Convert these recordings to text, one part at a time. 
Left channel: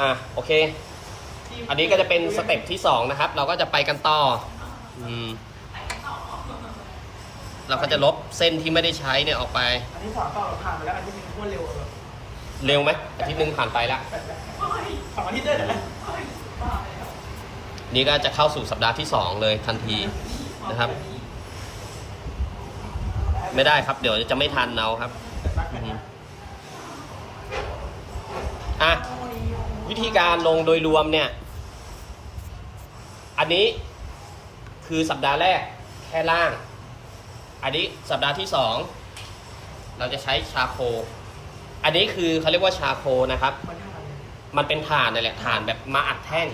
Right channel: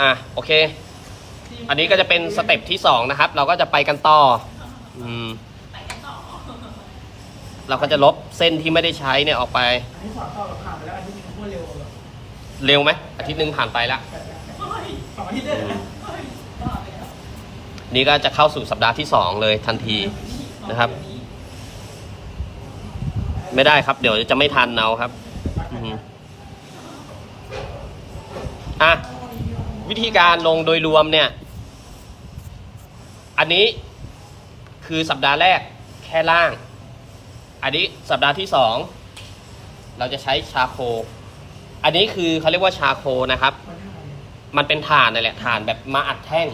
อะโอเค อันนี้ก็จะเป็นสเต็ปที่สองนะครับ เราก็จะไปกันต่ออืมเราก็จะลบเส้นที่ไม่ได้ใช้เนี่ยออกไป อันนี้สอนต่อผ่านไปแล้วอันนี้มันพูดเร็วแบบเร็วไหมอาทิตย์หนึ่งผ่านไปละสองอาทิตย์ได้เลยไหมนี่ก็จะเข้าสู่สัปดาห์ที่สองเลยทันทีนะครับ ไม่ได้ครับ เดี๋ยวจะไม่ทันเอาครับ อือฮึอะวิธีการลงโดยรวมเนี่ย อันนี้คือสัปดาห์แรกแค่ล่าง อันนี้สัปดาห์ที่สองเราจะใช้ชาโค อันนี้คือเขาเรียกว่าชาโคนะครับ มันท่าอะไรมันเป็นฐานนั่นแหละฐานแบบมาอัดแท่ง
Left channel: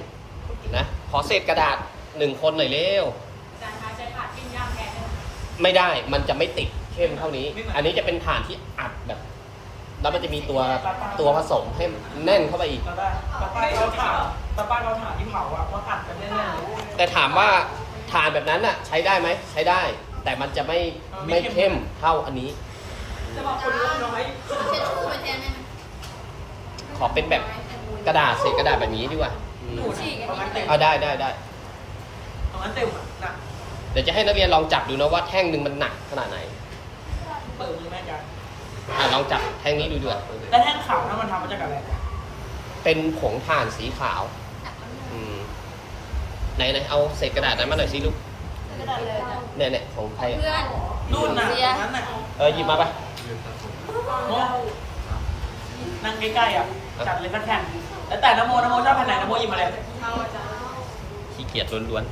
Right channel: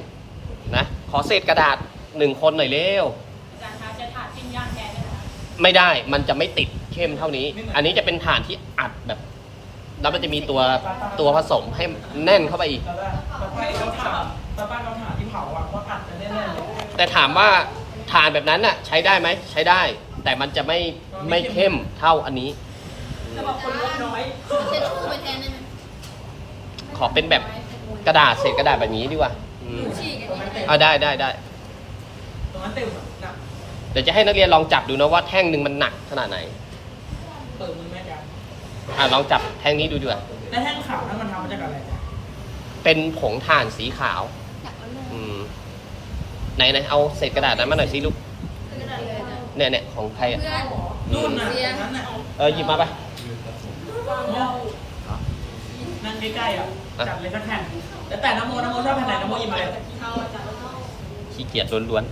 นะขอเศษกระดาษหนึ่งคนหน่อยเร็วอาจารย์คะจะถาดปิ้งย่างแทนได้ไหมคะไม่ได้มันจะไม่ติดเข้มเท่านี้ อันนี้จะเป็นฐานที่อัดแบบ แล้วมันจะมีตัวตัวผสมให้แน่นเข้าไปอีกเราได้ตะป้ายเราถามตะป้ายเราถามที่เผาอะว่าอัดจะแน่นๆเลยแต่ถามว่าฐานแบบนั้นน่ะ ใช้ได้ไหมใช้ได้ แต่มันจะไม่ไม่เข้มเท่าอันนี้ จะบอกคนงบน้อยเอาเช็ดคู่ไปแทนได้ไหมขอเป็นแบบกระดาษเศษกระดาษแบบนี้ดีกว่าอืมตรงนั้นเต็มอะได้ได้ได้ตรงนั้นเต็มอะนะเดี๋ยวจะให้นักเรียนลองจับดูนะว่าแท่งหนึ่งมันหนักขนาดไหน เปิดมือแม่กัน อะลองจับแท่งนี้ดูดีกว่าแล้วแท่งขาวถ้ามันทำมาจากอะไรเป็นผงถ่านสีขาว อืมไหนไหนเอาเศษกระดาษนั้นมาหน่อยสิลูก เนี่ยเนี่ยของใครอะเพื่อนนู่นน่ะตรงนั้นน่ะเออหยิบมาปะโมนั่งใกล้ๆอะจัดเลยสักแผ่นแล้วแต่นโมนโมชอบแผ่นไหนนโมหยิบมาเลยเอาอาจารย์ขี้เกียจล้วน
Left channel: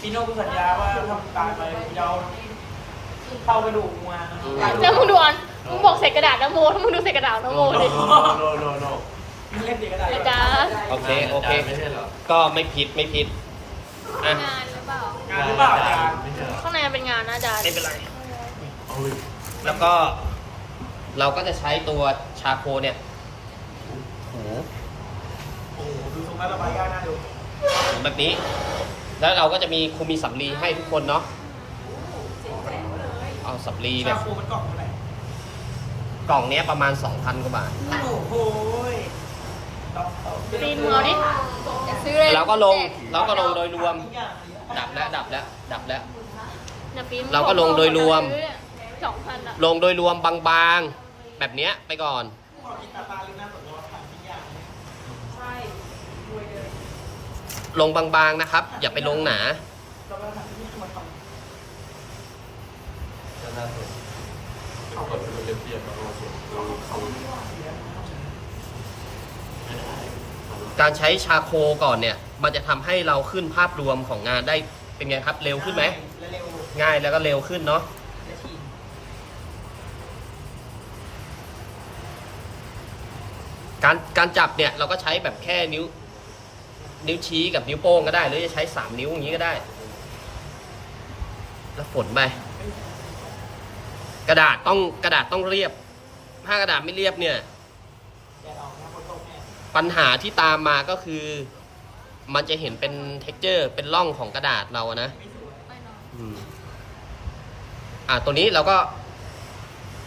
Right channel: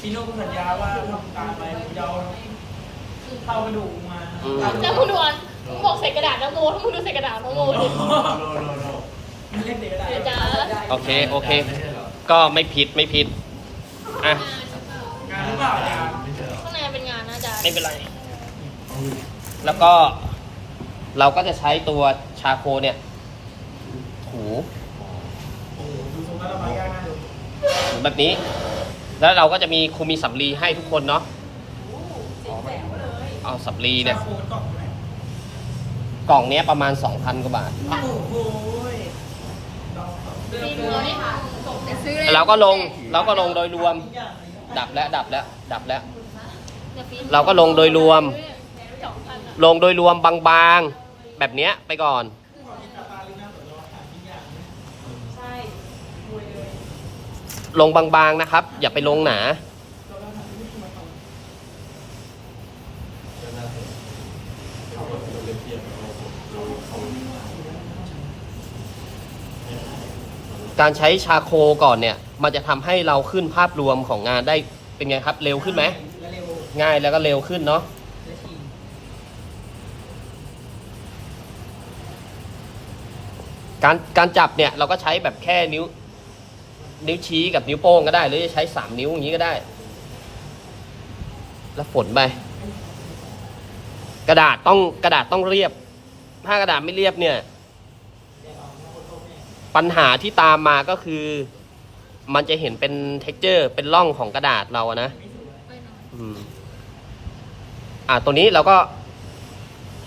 ซีโน่กูสัญญาว่าทำตามไปยอม เข้ากระดูกมาแล้วมึงดูอันมึงบอกใส่กระดาษนะโมมึงดูใส่กระดาษนะโมสิมันเล่นเด็กกระดาษอาจารย์ๆโอเค โอเค ก็ไม่ผิดไม่ผิดอะงานหรือเปล่างานหรือเปล่าอาจารย์ข้างในมันเป็นงานนะอาจารย์ไม่เป็นไร แล้วก็ เราก็จะใช้ตัวชาโคเนี่ย ถูโอ้โหดูทรงแล้วระบายยากน่าดูถูแบบนี้ แล้วเราก็จะมีครูมีสำลีให้ทุกคนเนาะเอา สำลีเนี่ย ชาโคมันกล่องเท่าไหร่กล่องเนี้ยประมาณ 2,000 กว่าบาท โอ้โหต้องเอารีวิวเอาดิซื้อเลยเราก็ลงเราก็ลงโดยรวมดับแล้วดับแล้วดับแล้ว เราก็ลงโดยรวมสองพันอะลงโดยรวมบางๆ แบบเนี้ยไปก่อนใช่รวยเลยลงบางๆนะครับ อย่าไปลงหนา การใช้ชาโคก่อนเนี่ย มันจะทำให้เราขึ้นภาพรวมของงานได้เป็นไงครับ เร็วขึ้นไหม เร็วง่ายแล้วก็เร็วขึ้นเนาะได้ทีการการจับเนี่ยเราก็ใช้แบบแค่นิ้ว นิ้วชี้กับนิ้วโป้งก็ได้ หรือจะใช้สามนิ้วอย่างนี้ก็ได้ แล้วฝนไป กระดาษต้องกระดาษต้องเรียบ ถ้ากระดาษไม่เรียบเนี่ย ปัญหาที่ตามมาก็คือ มันจะเห็นเป็นเท็กเจอร์ เป็นร่องของกระดาษเราอะนะไม่นอนอืมอะตัวนี้เราก็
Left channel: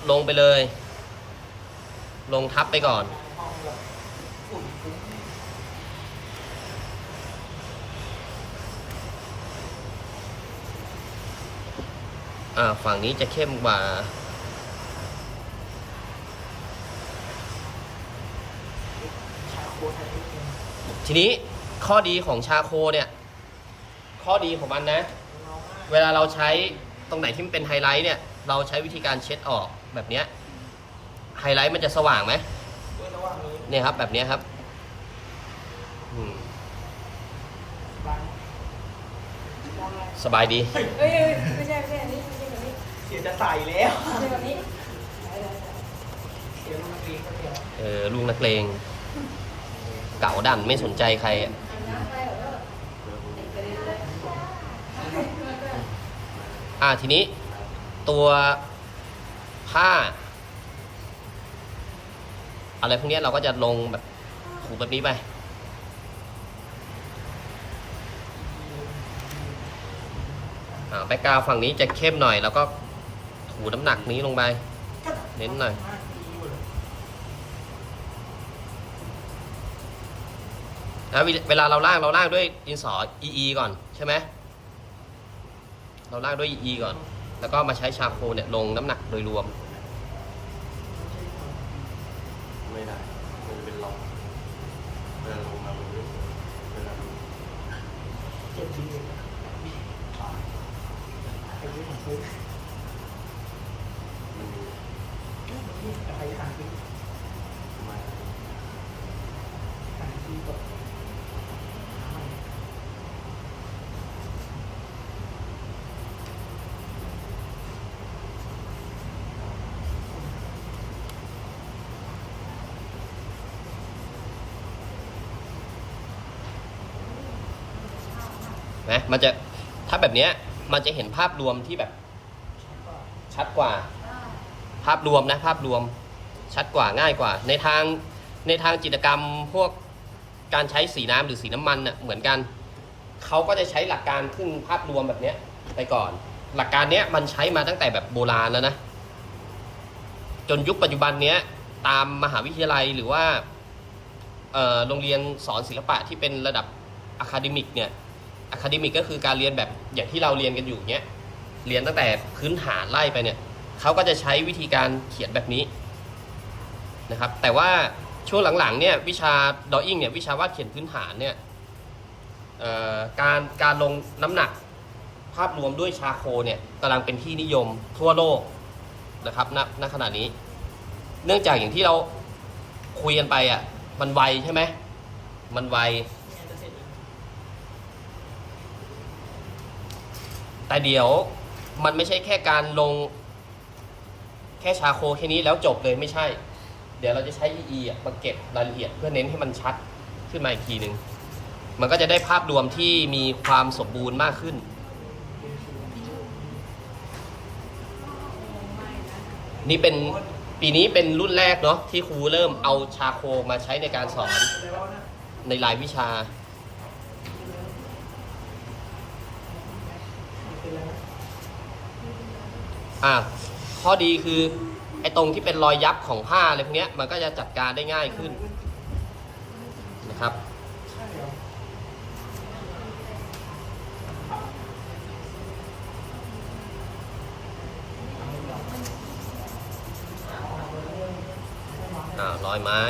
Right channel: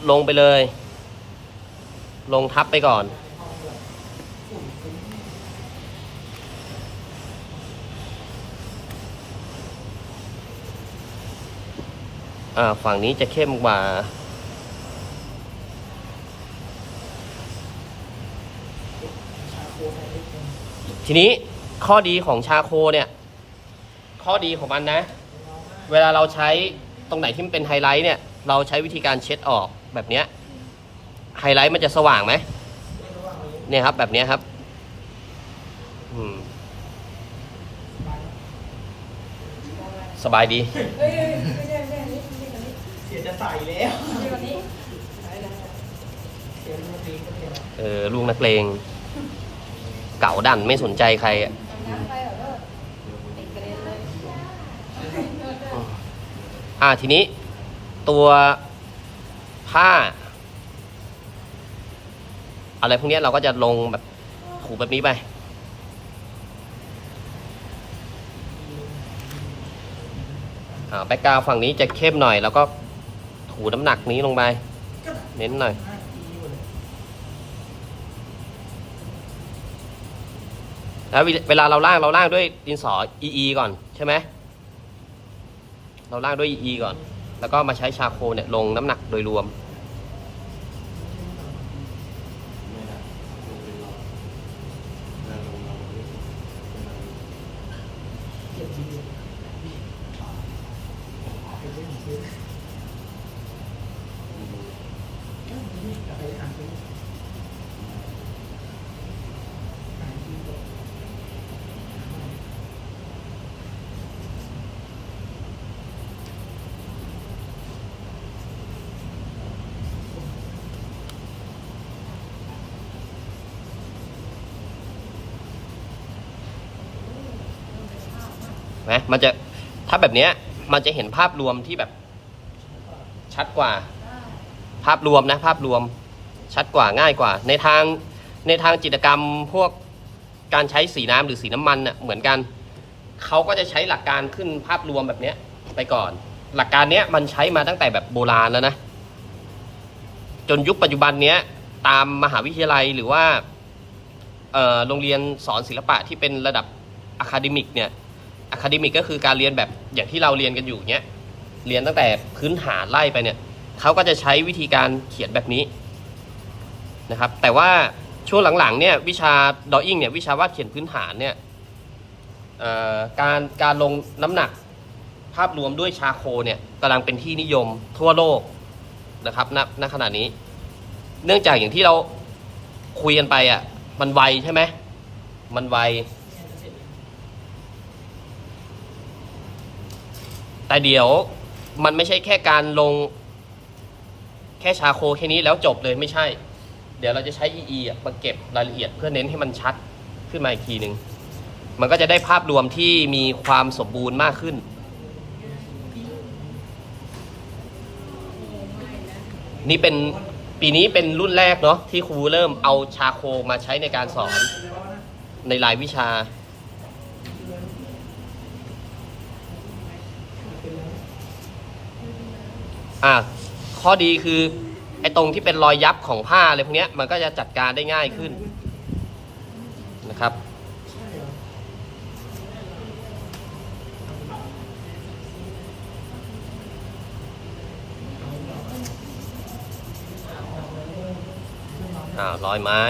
ลงไปเลย ลงทับไปก่อน ฝั่งนี้จะเข้มกว่าทีนี้ข้อดีของชาโคเนี่ย ข้อดีของมันนะ เวลาเราใช้ตรงไหนที่มันเป็นไฮไลท์เนี่ย เราใช้วิธีการเช็ดออกแบบเนี้ยไฮไลท์มันจะสว่างไหมเนี่ยครับ แบบนี้ครับสบายดี เอ้ยไม่ใช่ไม่ใช่อันนี้ไม่ใช่อันนี้เสียจะใส่แล้วไม่ใช่อันนี้เสียมันมาตีคนเดียวเออลูกนักเลง เก่าดันไม่สนใจใครอะอ่าทีนี้ ตัวค่า อะไรพวกนี้เราก็จะลงแบบถูแบบนี้ไปอ่าแบ็กกราวฝั่งนี้จะเข้มหน่อย แล้วก็ หูน้ำหนักนี้ลงไป เน้นหน่อย แล้วเวลาเราล่างเราล่างด้วยดินสอ EE ก่อนใช่ไหม เราล่างด้วย EE ก่อน แล้วก็มาใช้ชาโคเนี่ยลงน้ำหนักโดยรวมได้มันเป็นล็อกเดินลงมาเลยเดินลงมาไม่รู้มา นะมันจะถ้าแบบเนี้ยมันจะเห็นภาพรวมที่แบบ ชัดกว่า ภาพรวมนะภาพรวมชัดกว่าง่ายกว่า ในทางในทางจิตรกรรมพวกการใช้สีน้ำหรือสีน้ำมันน่ะเหมือนกันเขาก็จะใช้หลักการขึ้นภาพรวมแบบเนี้ยไปก่อน หลักการเนี้ยมันใช้มาตั้งแต่แบบโบราณแล้วนะ จนยุคปัจจุบันเนี้ยตามมหาวิทยาลัยหรือว่าโรงเรียนสอนศิลปะที่เป็นระดับอะคาเดมิกเนี่ย อะคาเดมิกก็คือการเรียนแบบอย่างที่เราเรียนกันอยู่เนี้ยเรียนตั้งแต่พื้นฐานไล่ไปเนี่ยเขาก็จะใช้วิธีการเขียนแบบนี้นะครับ แต่ว่าช่วงหลังๆเนี่ยวิชาดออิ่งเนี่ยวิชาวาดเขียนพื้นฐานเนี่ยการการลงน้ำหนักภาพรวมด้วยชาโคเนี่ยกำลังเป็นที่นิยมทั่วโลกนะครับณณขณะนี้ เนื่องจากอย่างที่เราคุยกันไปอะมันไวใช่ไหมมันไว แต่เดี๋ยวมันไม่ใช่แค่การลง แค่ชาโคแค่นี้แล้วจบเลยไม่ใช่ เดี๋ยวเราจะใช้ EE มาเก็บรายละเอียดเพื่อเน้นให้มันชัดขึ้นมาอีกทีหนึ่งมันก็จะได้ภาพรวมที่มีความสมบูรณ์มากขึ้น นี่เป็นปีนี้เป็นรุ่นแรกเนาะที่ครูเริ่มเอาชาโคมาใช้ในการสอนในรายวิชา อะข้อดีคือไอ้ตรงที่เป็นรอยยับของผ้าอะไรพวกเนี้ยมันก็จะจัดการได้ง่ายขึ้นนะครับ อ่ารอยไม้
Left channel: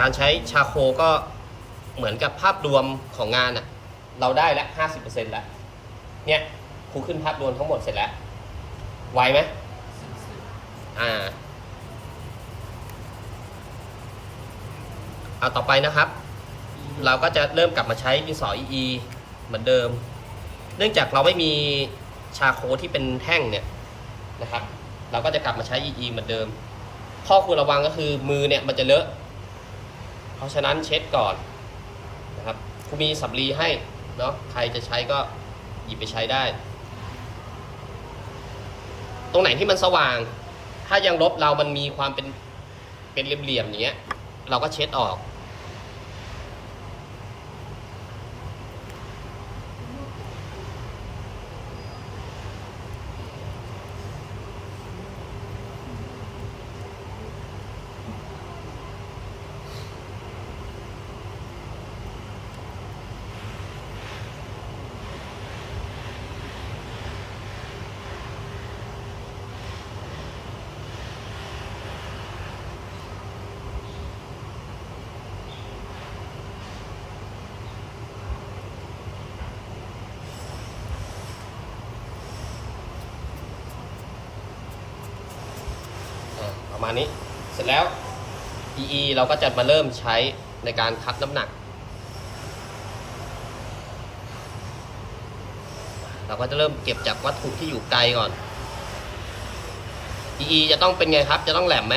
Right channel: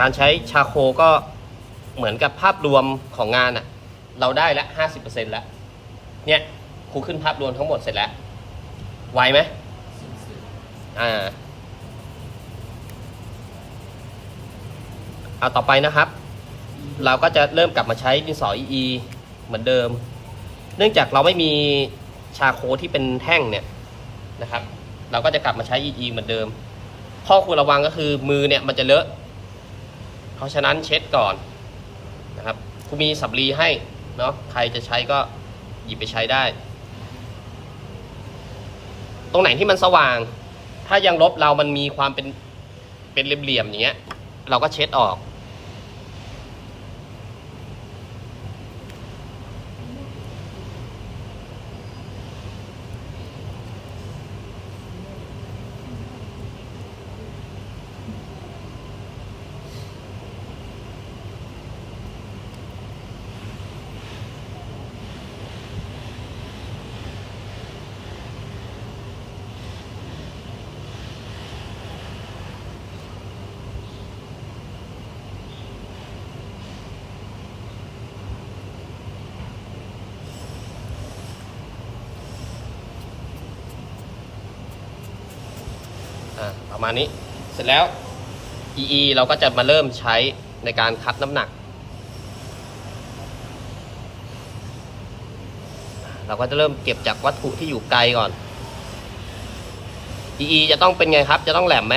การใช้ชาโคก็เหมือนกับภาพรวมของงานอะเราได้ละห้าสิบเปอร์เซ็นต์ล้วเนี่ยครูขึ้นภาพรวมทั้งหมดเสร็จแล้ว ไวไหมอ่าเอาต่อไปนะครับ เราก็จะเริ่มกลับมาใช้ดินสอ EE เหมือนเดิม เนื่องจากเราไม่มีชาโคที่เป็นแท่งเนี่ยนะครับ เราก็จะกลับมาใช้ EE เหมือนเดิม ข้อควรระวังก็คือมือเนี่ยมันจะเลอะ เพราะฉะนั้นเช็ดก่อนนะครับครูมีสับลีให้เนาะใครจะใช้ก็หยิบไปใช้ได้ ตรงไหนที่มันสว่าง ถ้ายังลบเรามันมีความเป็นเป็นเหลี่ยมๆอย่างเงี้ย เราก็เช็ดออก ประมาณนี้ เสร็จแล้ว EE เราก็จะมาเริ่มใช้ในการคัดน้ำหนัก เราก็จะเริ่มเก็บจากวัตถุที่อยู่ไกลก่อน EE จะต้องเป็นไงครับ จะต้องแหลมไหม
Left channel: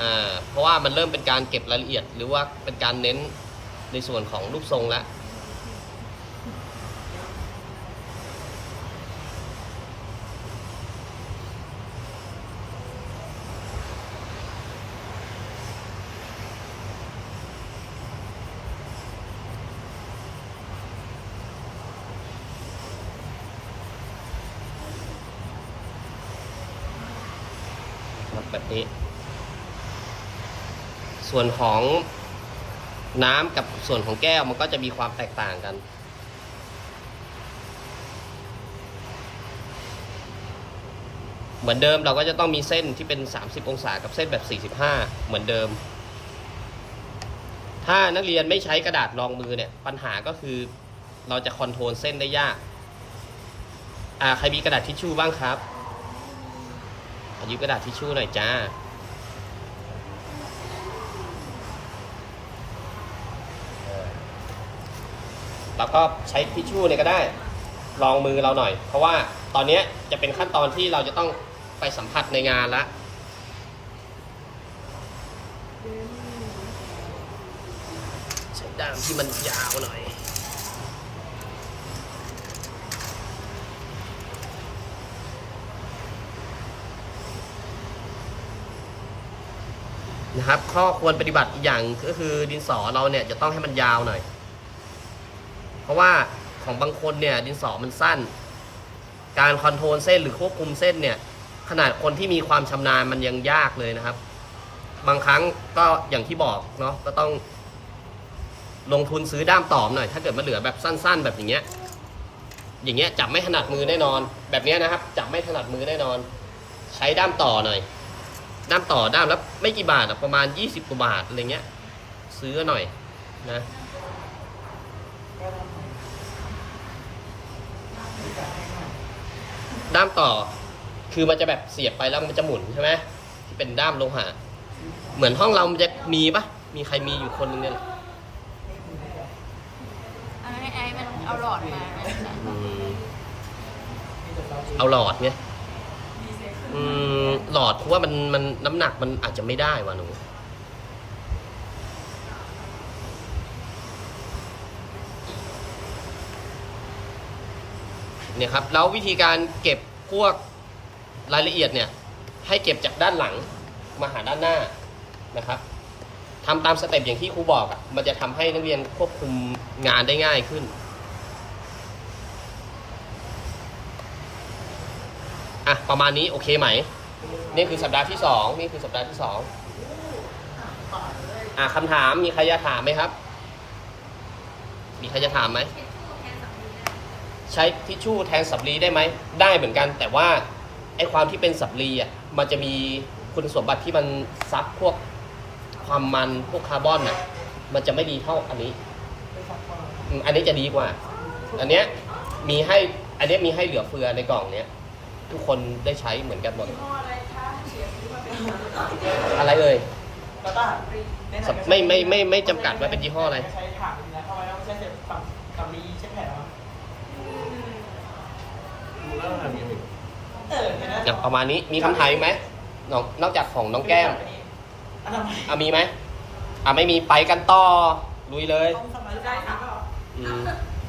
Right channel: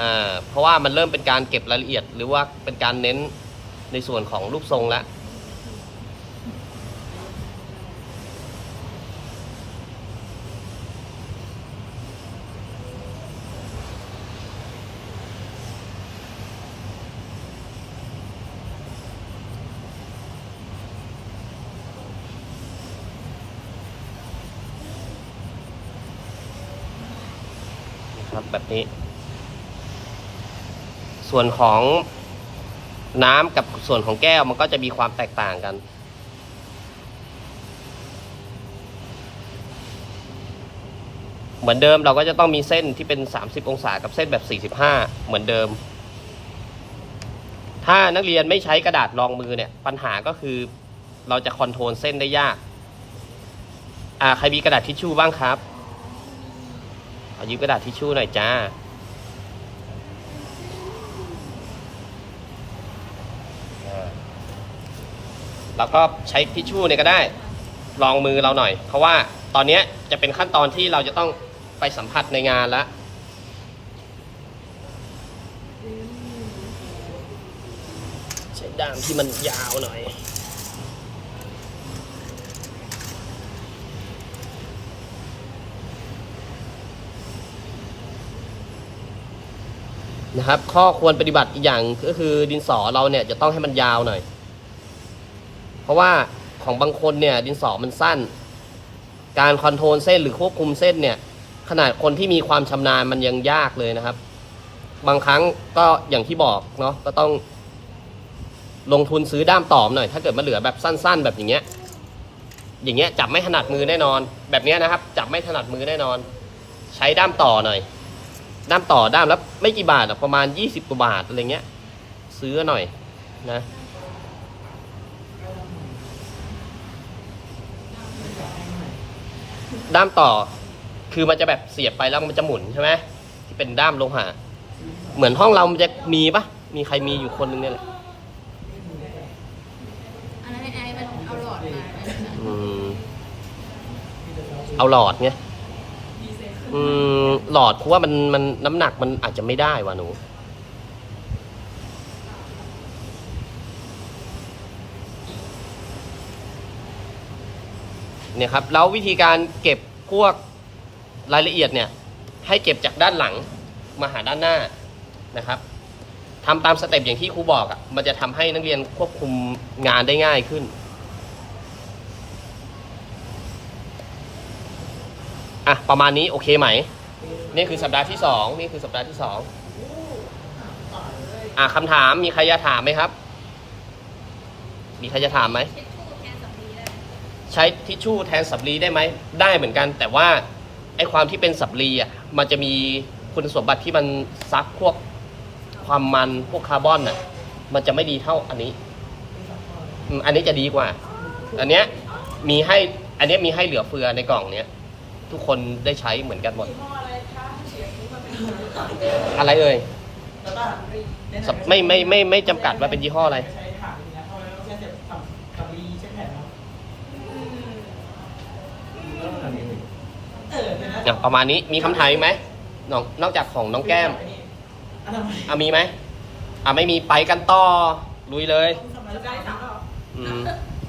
อ่า เพราะว่ามันเริ่มเป็นการเก็บรายละเอียด หรือว่าเป็นการเน้นในส่วนของรูปทรงแล้ว แบบนี้ ส่วนของน้ำกับส่วนของแก้วมันก็จะมีความแตกต่างกัน เหมือนเดิมเราก็จะต้องมีเส้นที่เป็น 30 องศากับเส้นแบบ 45 เหมือนเดิม ถ้านักเรียนไม่ใช้กระดาษรองมือเนี่ย ปัญหาก็คือเราจะคอนโทรลเส้นได้ยาก อ่าใครมีกระดาษทิชชู่บ้างครับ ขอายืมกระดาษทิชชู่หน่อยจ้า แล้วก็ใช้ทิชชู่เนี่ยก็ได้ ลองมือเราหน่อย เพราะว่าตอนนี้จะเป็นขั้นตอนที่เราจะต้องไปสัมผัสในงานละใช้ด้ามที่มันยาวหน่อย นะครับ ข้อควรปฏิบัติอีกอย่างก็คือดินสอเราเนี่ยจะต้องให้มันยาวหน่อย เพราะว่าของบางคนเนี่ยดินสอมันสั้น การคอนโทรลเส้นหรือควบคุมเส้นเนี่ยขนาดคนที่มีความชำนาญมันยังยากเลยนะครับ บางครั้งก็อย่างที่บอกเนาะก็ต้อง ลงทุนซื้อด้ามตอมหน่อย ถ้าเกิดมาเหลือแบบสั้น ๆ แบบอย่างเงี้ย อย่างเงี้ยจับไม่ถนัดมือแน่นอน แบบเนี้ยนะครับ จับไม่ถนัดมือแน่นอน ใช้ด้ามต่อหน่อย ด้ามต่อด้ามละไม่กี่บาทอะประมาณ20กว่าบาทอะไรเงี้ย ซื้อหน่อยนะด้ามต่อ คือมันจะแบบเสียบไปแล้วมันจะหมุนใช่ไหมเป็นด้ามโลหะเหมือนห้องเรามันจะมีปะมีใครมีอยู่คนนึงเนี่ยไอ้ไอ้มันเอาหลอดมาอืมเอาหลอดเนี่ย อืมหลอดเพราะว่ามันมันน้ำหนักมันอาจจะไม่ได้ว่ะหนู เนี่ยครับ แล้ววิธีการเก็บพวกรายละเอียดเนี่ย ให้เก็บจากด้านหลังมาหาด้านหน้านะครับทำตามสเต็ปอย่างที่ครูบอกอะ่ะ มันจะทำให้นักเรียนควบคุมงานได้ง่ายขึ้น อะประมาณนี้โอเคไหม นี่คือสัปดาห์ที่สองนี่คือสัปดาห์ที่สองอะคำถามมีใครจะถามไหมครับ มีใครจะถามไหมใช้ทิชชู่แทนสับลีได้ไหมได้เหมือนกัน แต่ว่าไอความที่เป็นสับลีอะมันจะมีคุณสมบัติที่มันซักพวกความมันพวกคาร์บอนน่ะ มันจะไม่ดีเท่าอันนี้อันนี้จะดีกว่า อันเนี้ยมีให้อันเนี้ยมีให้เหลือเฟือในกล่องเนี้ย ทุกคนได้ใช้เหมือนกันหมด อะไรเอ่ยแล้วก็ในหนังก็ไม่ไม่ไม่ไม่จำกัดว่าเป็นยี่ห้ออะไร ใช้ถังนะเข้าไว้แล้วใช้เสร็จกับกับรีเช็ดแผลมาเออเห็นไหมอย่างประมาณนี้มีคำถามอีกไหมนอกนอกจากของน้องแก้มอันทำไมอะมีไหมอะไม่มีไปกันต่อลุยเลย ต้องสมัยใจถามก็อืม